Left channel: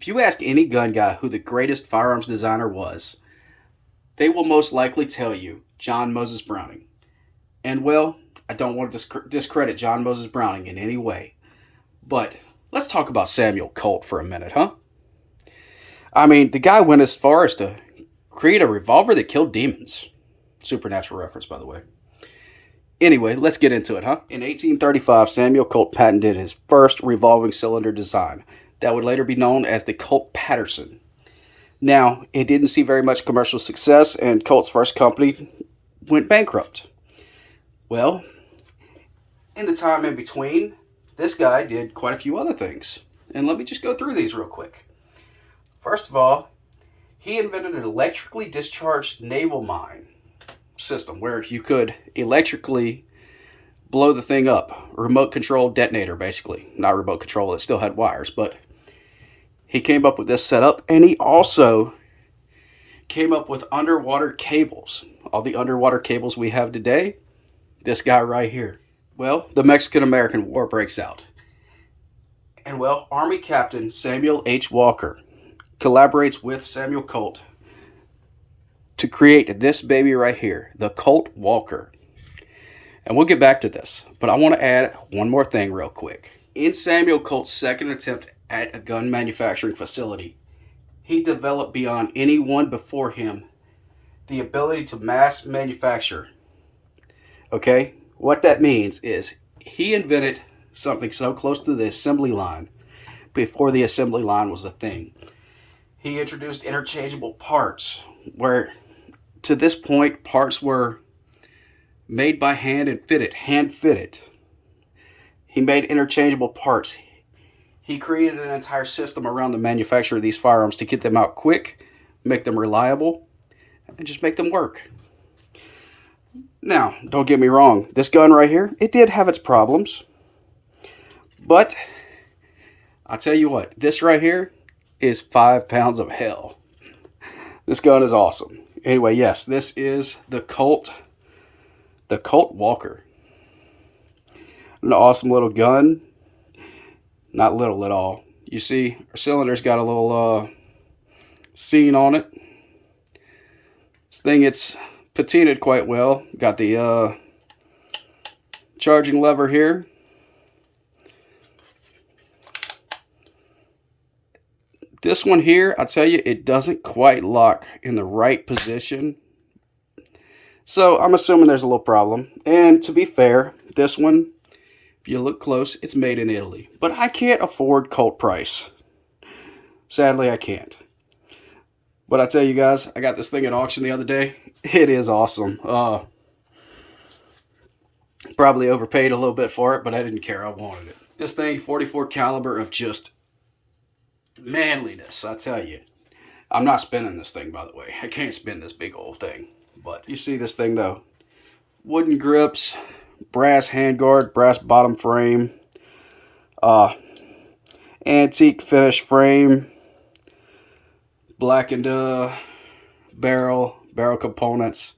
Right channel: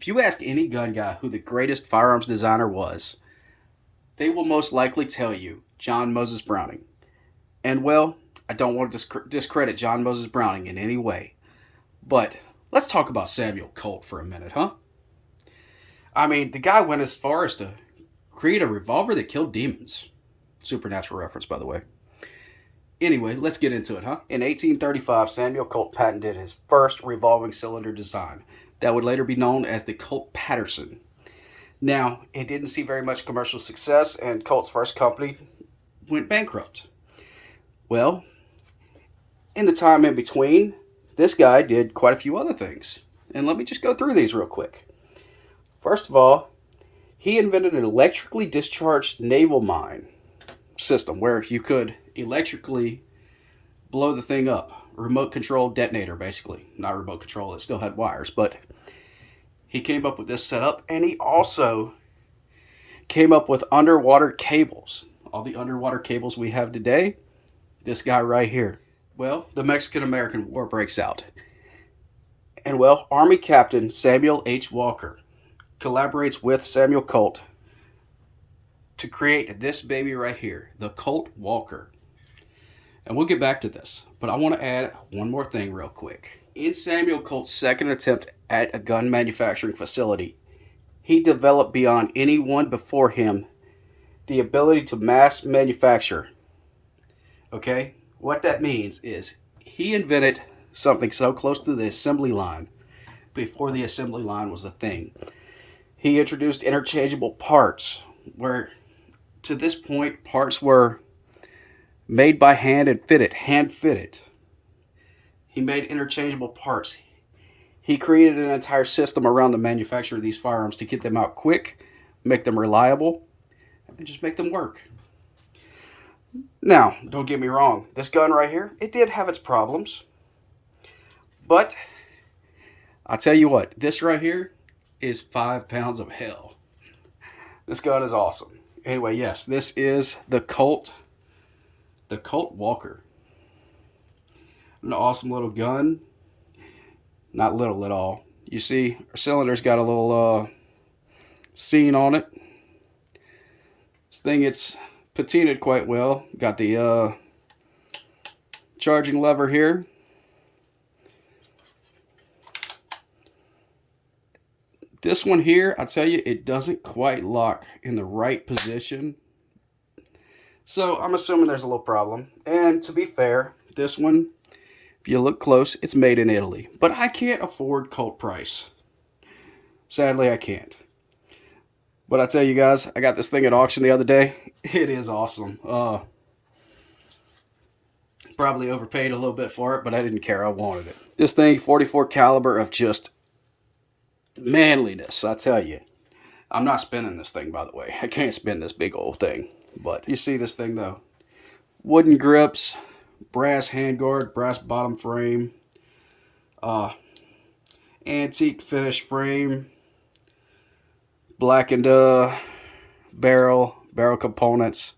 If you ask any gun guy who the greatest firearms designer was, they will most likely tell you John Moses Browning. And well, I don't want to discredit John Moses Browning in any way, but let's talk about Samuel Colt for a minute, huh? I mean, the guy went as far as to create a revolver that killed demons. Supernatural reference, by the way. Anyway, let's get into it, huh? In 1835, Samuel Colt patented his first revolving cylinder design that would later be known as the Colt Patterson. Now, it didn't see very much commercial success, and Colt's first company went bankrupt. Well, in the time in between, this guy did quite a few other things. And let me just go through these real quick. First of all, he invented an electrically discharged naval mine system where you could electrically blow the thing up. A remote control detonator, basically. Not remote control, it still had wires, but he came up with this setup, and he also came up with underwater cables. All the underwater cables we have today, this guy right here. Well, the Mexican-American War breaks out. And well, Army Captain Samuel H. Walker collaborates with Samuel Colt to create this baby right here, the Colt Walker. And we'll get back to this, but I want to add one more thing real quick. In Samuel Colt's second attempt at a gun manufacturing facility, he developed beyond anyone before him the ability to mass manufacture. Okay? What that means is he invented something so close to the assembly line before the assembly line was a thing. He introduced interchangeable parts where to this point parts were made by hand and hand fitted. He made interchangeable parts. He created an entire system around the manufacture of these firearms to get them out quick, make them reliable, and just make them work. Now, don't get me wrong, this gun right here, it did have its problems. But I'll tell you what, this right here is 5 pounds of hell. This gun is awesome. Anyway, yes, this is the Colt Walker. An awesome little gun. Not little at all. You see, our cylinder's got a little seam on it. This thing, it's patinaed quite well. Got the charging lever here. This one here, I tell you, it doesn't quite lock in the right position. So I'm assuming there's a little problem. And to be fair, this one, if you look close, it's made in Italy. But I can't afford Colt price. Sadly, I can't. But I tell you guys, I got this thing at auction the other day. It is awesome. Probably overpaid a little bit for it, but I didn't care. I wanted it. This thing, 44 caliber of just manliness, I tell you. I'm not spinning this thing, by the way. I can't spin this big old thing. But you see this thing, though. Wooden grips, brass handguard, brass bottom frame, antique finish frame, blackened barrel components.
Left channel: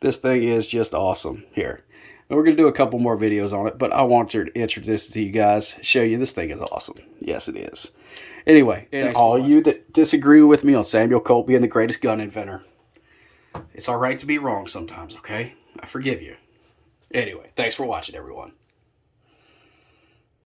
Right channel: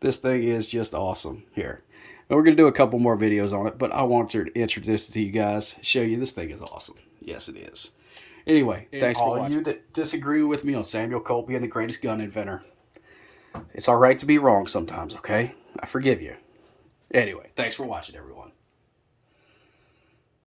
This thing is just awesome here. And we're going to do a couple more videos on it, but I want to introduce it to you guys, show you this thing is awesome. Yes, it is. Anyway, thanks for all you that disagree with me on Samuel Colt being the greatest gun inventor. It's all right to be wrong sometimes, okay? I forgive you. Anyway, thanks for watching, everyone.